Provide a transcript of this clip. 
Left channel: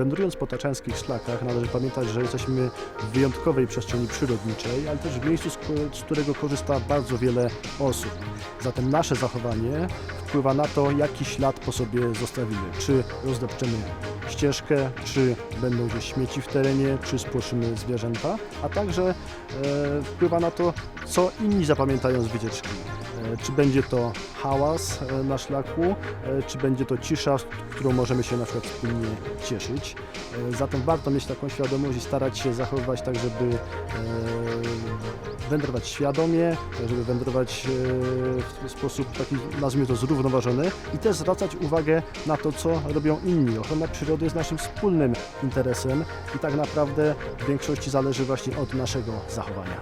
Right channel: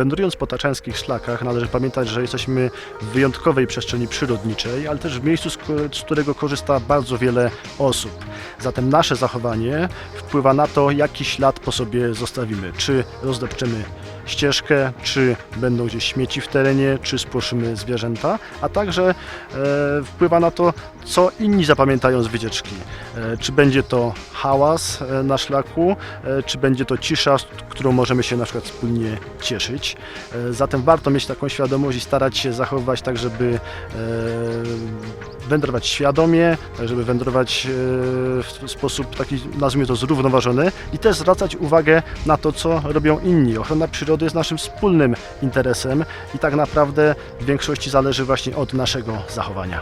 Wędrując po taczańskich szlakach należy pamiętać, że jesteśmy w wyjątkowej przestrzeni przyrodniczej, ale też w miejscu, z którego korzysta bardzo wiele osób. Zatem nasze zachowanie wpływa na to, jaki ślad po sobie zostawimy. Czy rozdepczemy ścieżkę, czy będą gdzieś śmieci w terenie, czy spłoszymy zwierzęta, a także e, wpływa na to, co inni zapamiętają z wycieczki. E, Czy będzie to hałas e, na szlaku, e, czy będzie to cisza, z którą możemy się na przykład wspólnie cieszyć. Zatem warto mieć taką świadomość i starać się zachowywać tak, żeby wędrować świadomie, tak żeby wędrować w sposób taki, nazwijmy to, zrównoważony i też zwracać uwagę na to, co robią inni. Ochrona przyrody jest naszym wspólnym interesem i tak naprawdę w większości zależy właśnie od naszego zachowania.